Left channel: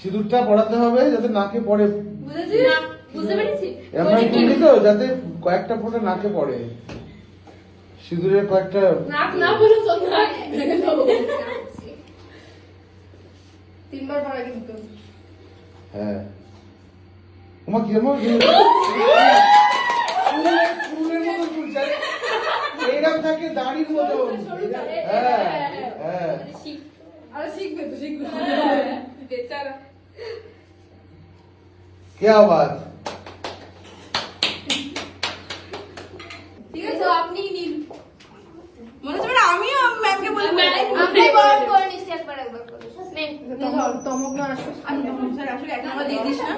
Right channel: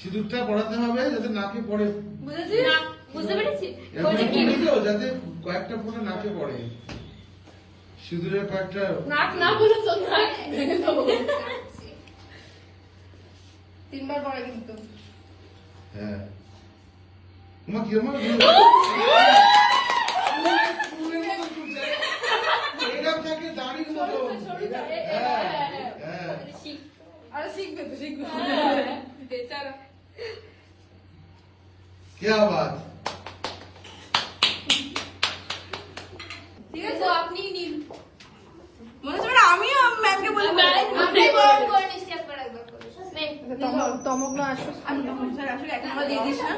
সিঁদুরটা পড়াতে হবে যাতে নাকে পড়ে, বুঝতে পেরেছি, যাতে কয়েকটা ফোঁটা নাকে পড়ে। সিঁদুরের কয়েকটা নাক না বলে তো তিনবার পরে কিন্তু। হ্যাঁ তোমার কি আমার এরকম থাকে দাড়ির মতো। হ্যাঁ হ্যাঁ আরে শিখবে তো, শিখবে। क्या बात। ঠিক আছে, আপনি নিন। মনে হচ্ছে আমিও ম্যামকে বলে তমক না আসলে একটা আমার দিয়ে দিস না।